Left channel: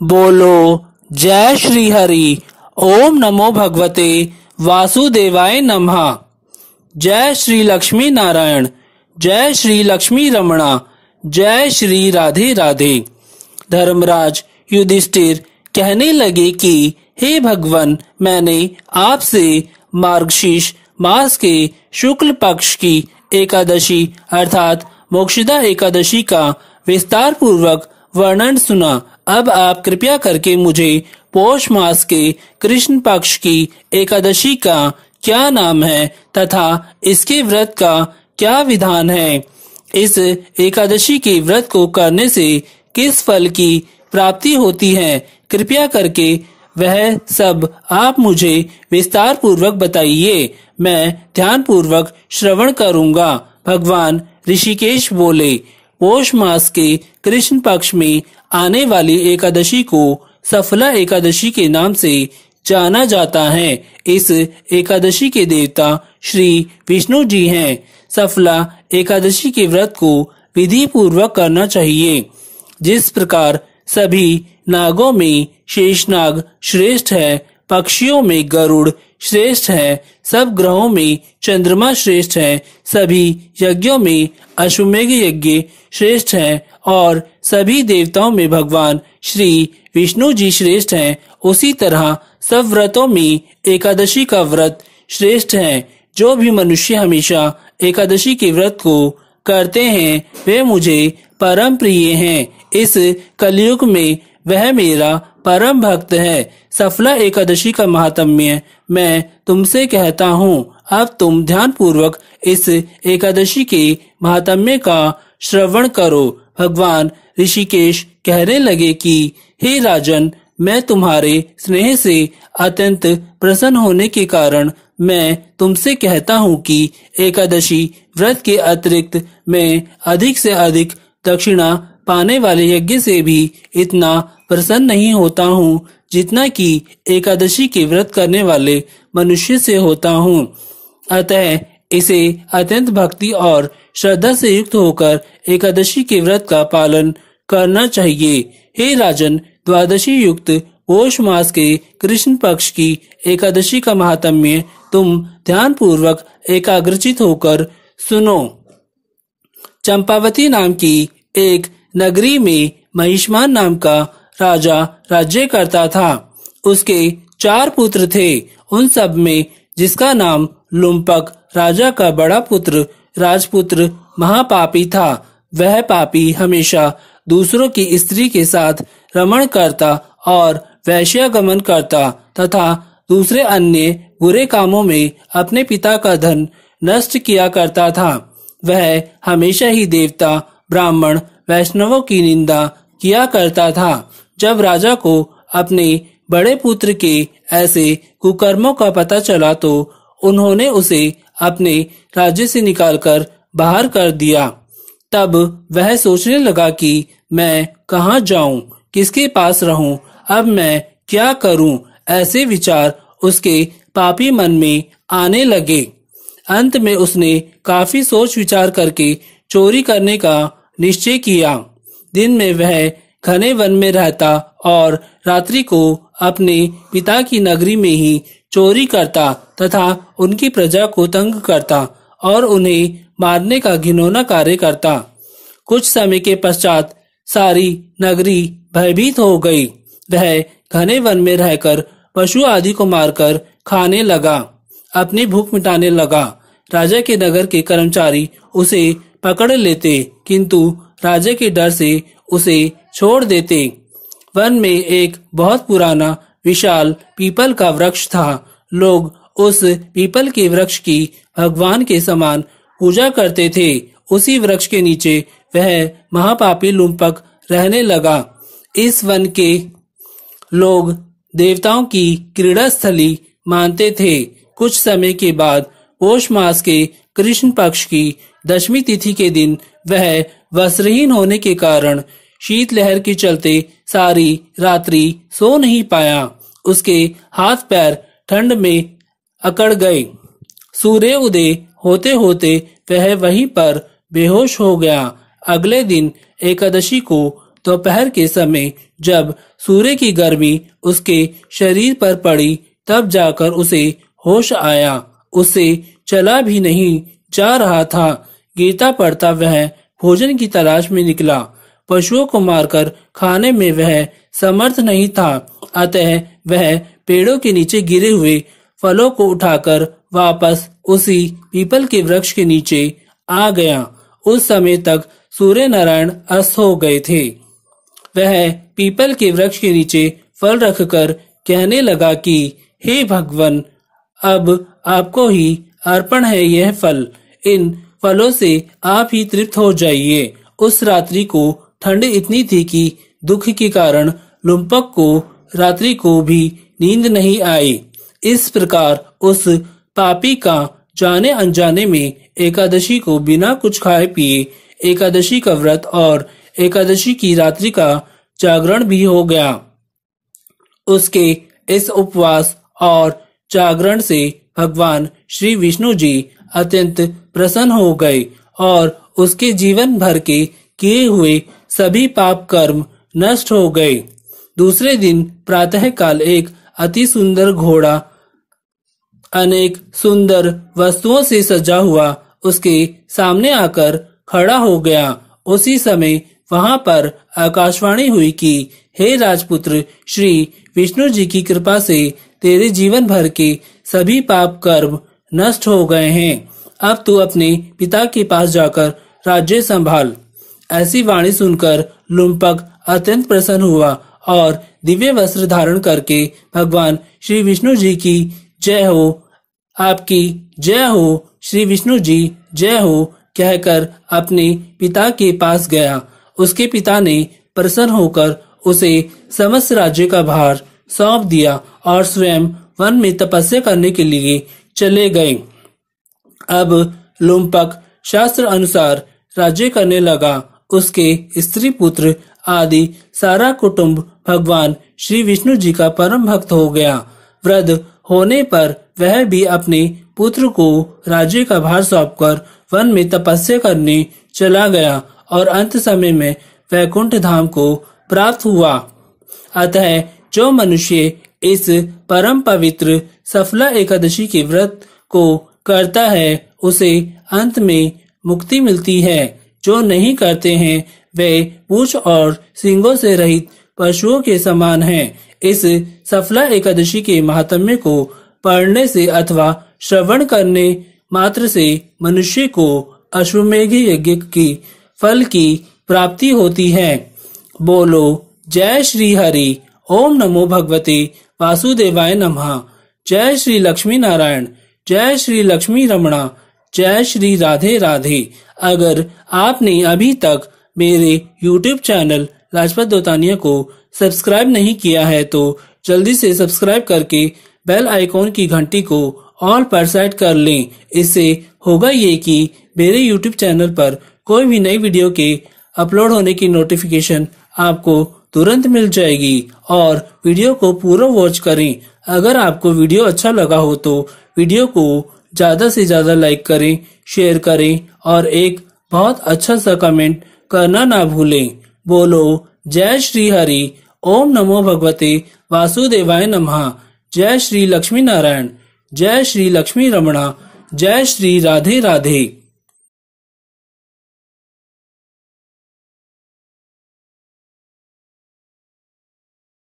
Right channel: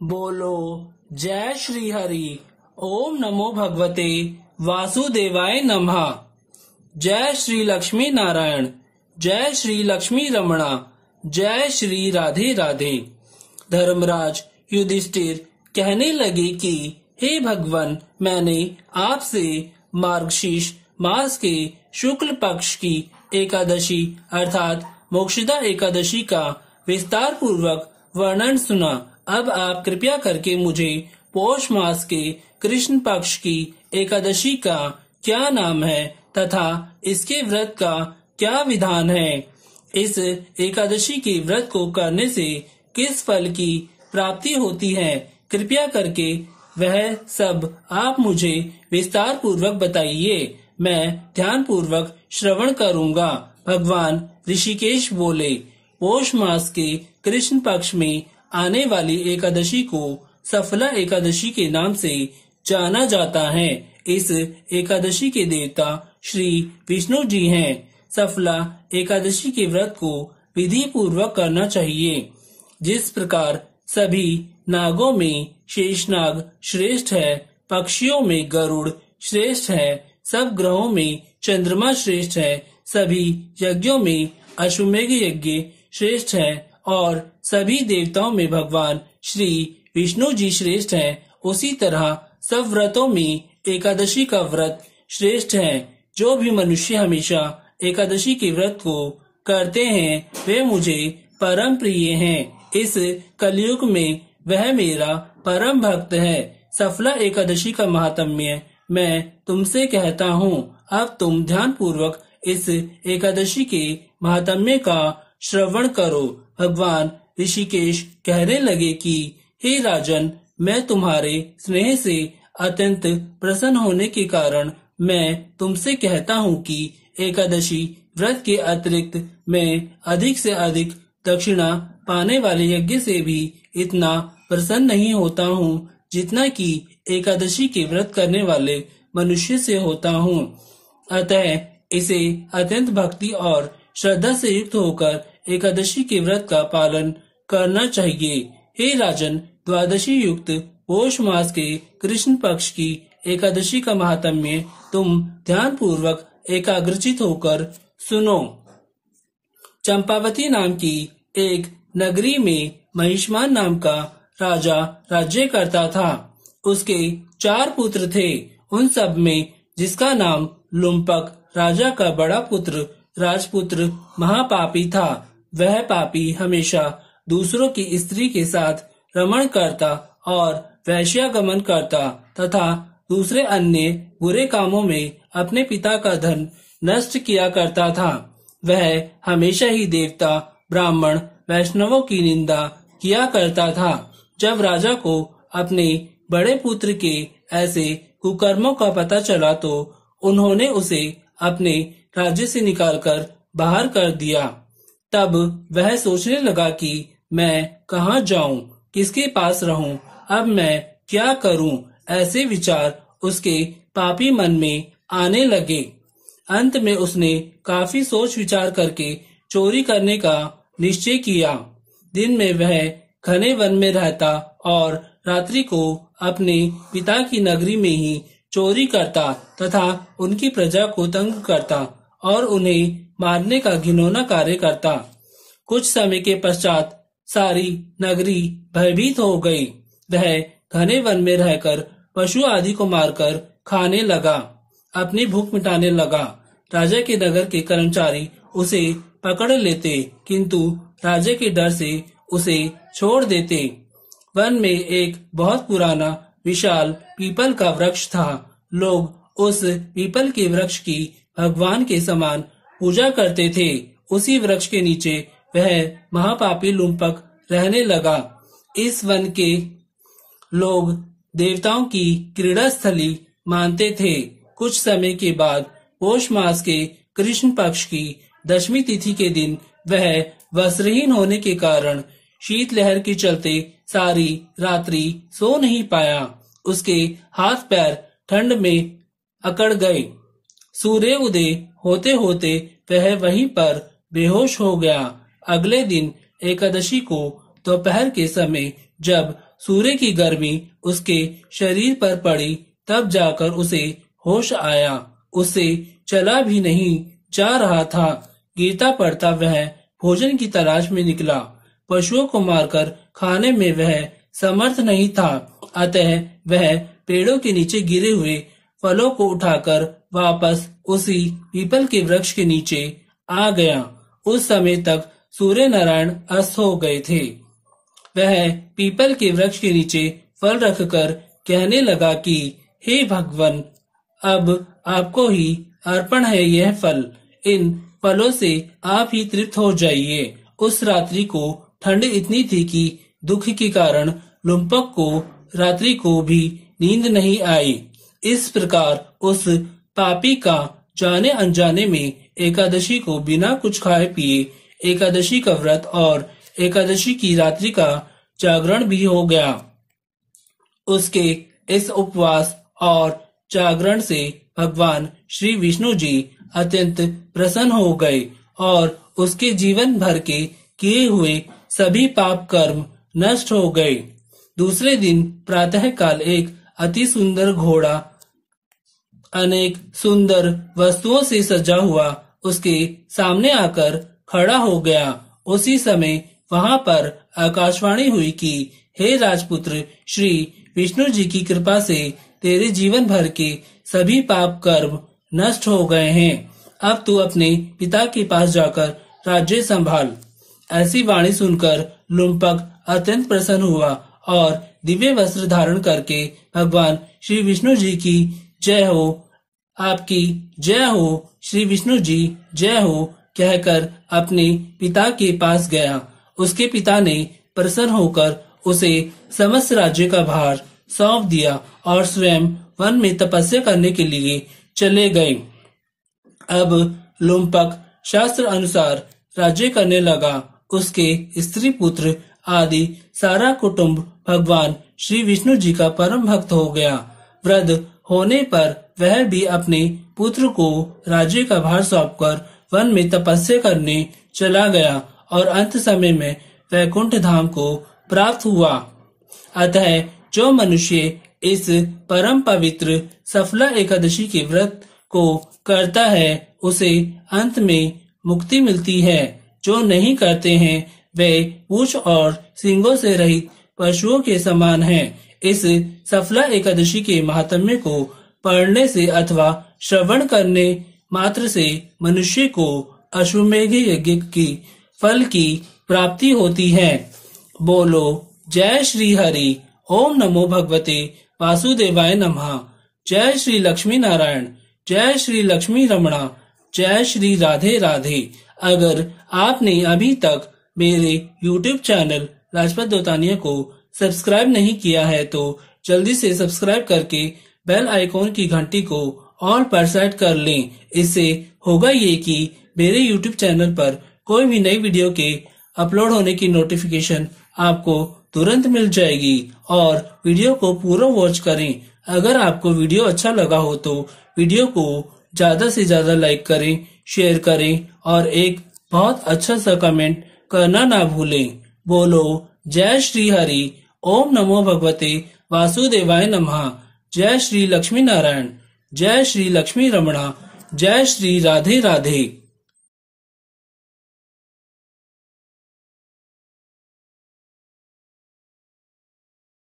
बोलो जय श्री हरि। ओम नमो भगवते वासुदेवाय नमः। जय श्री लक्ष्मी नारायण, जय श्री लक्ष्मी रमणा, जय श्री राधे राधे। धर्मराज युधिष्ठिर कहने लगे कि हे भगवान, मैंने आपसे मार्गशीर्ष मास के शुक्ल पक्ष की एकादशी अर्थात मोक्षदा एकादशी का विस्तार पूर्वक वर्णन सुना। अब आप कृपया करके मुझे पौष मास के कृष्ण पक्ष की एकादशी का क्या नाम है तथा इसके व्रत का क्या विधान है, इस एकादशी के व्रत को करने से किस फल की प्राप्ति होती है, कृपया करके वह सब आप मुझे विस्तार पूर्वक बताइए। मैं ध्यान पूर्वक श्रवण करूंगा। भगवान ऋषिकेश बोले, पौष मास के कृष्ण पक्ष में आने वाली एकादशी को सफला एकादशी के नाम से जाना जाता है। इस एकादशी के देवता श्री विष्णु जी हैं। सफला एकादशी के व्रत को विधि पूर्वक करना चाहिए। जिस प्रकार सभी नागों में शेषनाग श्रेष्ठ है, पक्षियों में गरुड़ श्रेष्ठ है, सब ग्रहों में चंद्रमा श्रेष्ठ है, सभी यज्ञों में अश्वमेघ यज्ञ श्रेष्ठ है और सभी देवताओं में भगवान श्री विष्णु जी श्रेष्ठ हैं, उसी तरह सब व्रतों में एकादशी का व्रत श्रेष्ठ है। जो भी मनुष्य हमेशा एकादशी के व्रत को करते हैं वे मुझे परम प्रिय हैं। इस कलयुग में वह मेरा परम भक्त है। सफला एकादशी का महात्म्य मैं तुमसे कहता हूँ। अब तुम ध्यान पूर्वक इस एकादशी के महात्म्य का श्रवण करो। भगवान ऋषिकेश कहने लगे कि हे राजन, मैं तुम्हारे स्नेह से अत्यंत प्रसन्न होने के कारण मैं तुमसे कहता हूँ कि एकादशी व्रत के अतिरिक्त मैं अधिक से अधिक दक्षिणा पाने वाले यज्ञ से भी इतना प्रसन्न नहीं होता हूँ जितना कि एकादशी के व्रत करने वाले मनुष्य से होता हूँ। अतः इसे अत्यंत भक्ति और श्रद्धा से युक्त होकर एकादशी के व्रत का पालन करना चाहिए। हे राजन, द्वादशी युक्त पौष मास के कृष्ण पक्ष की एकादशी का महात्म्य तुम ध्यान पूर्वक एकाग्रचित होकर सुनो। चंपावती नाम की एक नगरी में महिष्मान नाम का राजा राज्य करता था। उसके 4 पुत्र थे। उन सब में जिसका नाम लुम्पक राजा का बड़ा पुत्र राजपुत्र महापापी था। वह पापी हमेशा दूसरों की स्त्री के साथ रमण करता और वैश्यागमन करता तथा दूसरे अन्य बुरे कामों में अपने पिता का धन नष्ट किया करता था। वह हमेशा ही देवता, ब्राह्मण, वैष्णवों की निंदा किया करता था। जब राजा को अपने बड़े पुत्र के ऐसे कुकर्मों का पता चला तो उन्होंने उसे अपने राज्य से निकालकर बाहर कर दिया। तब वह सोचने लगा कि मैं कहाँ जाऊं, किसके पास रहूं, अब मैं क्या करूं। ऐसे विचार उसके पापी मन में आने लगे। अंत में उसने काफी सोच विचार करके चोरी करने का निश्चय किया। दिन में वह घने वन में रहता और रात्रि को अपने पिता की नगरी में ही चोरी करता तथा उनकी प्रजा को तंग करता और उन्हें मारने का घिनौना कार्य करता। कुछ समय के पश्चात सारी नगरी भयभीत हो गई। वह घने वन में रहकर पशु आदि को मारकर खाने लगा, अपनी भूख मिटाने लगा। राजा के नगर के कर्मचारी उसे पकड़ लेते किंतु राजा के डर से उसे छोड़ देते। वन में एक बहुत पुराना विशाल पीपल का वृक्ष था। लोग उस पीपल के वृक्ष की भगवान के समान पूजा करते थे। उसी वृक्ष के नीचे वह महापापी लुम्पक रहने लगा। इस वन के लोग देवताओं की क्रीड़ा स्थली मानते थे। कुछ समय के बाद पौष मास के कृष्ण पक्ष की 10वीं तिथि के दिन वह वस्त्रहीन होने के कारण शीतलहर के चलते सारी रात्रि सो नहीं पाया। उसके हाथ पैर ठंड में अकड़ गए। सूर्य उदय होते होते वह वहीं पर बेहोश हो गया। अगले दिन एकादशी को दोपहर के समय जब सूर्य की गर्मी उसके शरीर पर पड़ी, तब जाकर उसे होश आया। उससे चला भी नहीं जा रहा था। गिरता पड़ता वह भोजन की तलाश में निकला। पशुओं को मारकर खाने में वह समर्थ नहीं था, अतः वह पेड़ों के नीचे गिरे हुए फलों को उठाकर वापस उसी पीपल के वृक्ष के नीचे आ गया। उस समय तक सूर्य नारायण अस्त हो गए थे। वह पीपल के वृक्ष के नीचे फल रखकर कहने लगा कि हे भगवान, अब आपको ही अर्पण है यह फल। इन फलों से आप ही तृप्त हो जाइए। उस रात्रि को ठंड इतनी थी कि दुख के कारण लुम्पक को रात्रि को भी नींद नहीं आई। इस प्रकार उस पापी का जाने अनजाने में एकादशी को बिना कुछ खाए पिए एकादशी का व्रत और एकादशी की रात्रि का जागरण भी हो गया। उसके इस उपवास और जागरण से भगवान श्री विष्णु जी अत्यंत प्रसन्न हो गए और उसके जीवन भर के किए हुए सभी पाप कर्म नष्ट हो गए। दूसरे दिन प्रातः काल एक अति सुंदर घोड़ा अनेक सुंदर वस्तुओं से सजा हुआ उसके सामने आकर खड़ा हो गया। उसी समय वहां पर आकाशवाणी हुई कि हे राजपुत्र, श्री विष्णु जी की कृपा से तेरे जीवन भर के सभी पाप कर्म नष्ट हो गए हैं। अब तू अपने पिता के पास जाकर राज्य संभाल। ऐसी वाणी सुनकर लुम्पक अत्यंत प्रसन्न हुआ और दिव्य वस्त्र धारण करके भगवान श्री विष्णु जी की जय हो, आपकी जय हो, श्री विष्णु जी जय हो कहकर अपने पिता के पास गया। उसके पिता ने प्रसन्न होकर उसे समस्त राज्य का भार सौंप दिया और स्वयं वन में तपस्या करने के लिए चले गए। अब लुम्पक शास्त्र अनुसार राज्य करने लगा। उसके स्त्री पुत्र आदि सारा कुटुंब भगवान श्री विष्णु जी का परम भक्त हो गया। वृद्ध होने पर वह भी अपने पुत्र को राज्य का भार सौंपकर वन में तपस्या करने चला गया और अंत समय में वैकुंठ धाम को प्राप्त हुआ। अतः जो मनुष्य इस परम पवित्र सफला एकादशी के व्रत को करता है उसे अंत में मुक्ति मिलती है। जो नहीं करते हैं वे पूंछ और सींगों से रहित पशुओं के समान हैं। इस सफला एकादशी के महात्म्य को पढ़ने से अथवा श्रवण करने मात्र से मनुष्य को अश्वमेघ यज्ञ की फल की प्राप्ति होती है। बोलो जय श्री हरि। ओम नमो भगवते वासुदेवाय नमः। जय श्री लक्ष्मी नारायण। जय श्री लक्ष्मी रमणा। जय श्री राधे राधे। अगर आपने अभी तक मेरे YouTube चैनल लाजपत दोतानिया को सब्सक्राइब नहीं किया है तो जल्दी से सब्सक्राइब करके बेल आइकॉन की घंटी को ऑल पर सेट कर लें। इससे होगा ये कि मेरे YouTube चैनल पर कोई भी नई वीडियो के अपलोड होने की नोटिफिकेशन आपको तुरंत मिल जाएगी। और वीडियो को पूरा वॉच करें। अगर आपको वीडियो अच्छा लगा हो तो वीडियो को ज्यादा से ज्यादा लाइक करें, शेयर करें और एक बहुत अच्छा सा कमेंट करना ना भूलें। बोलो जय श्री हरि। ओम नमो भगवते वासुदेवाय नमः। जय श्री लक्ष्मी नारायण। जय श्री लक्ष्मी रमणा। जय श्री राधे राधे।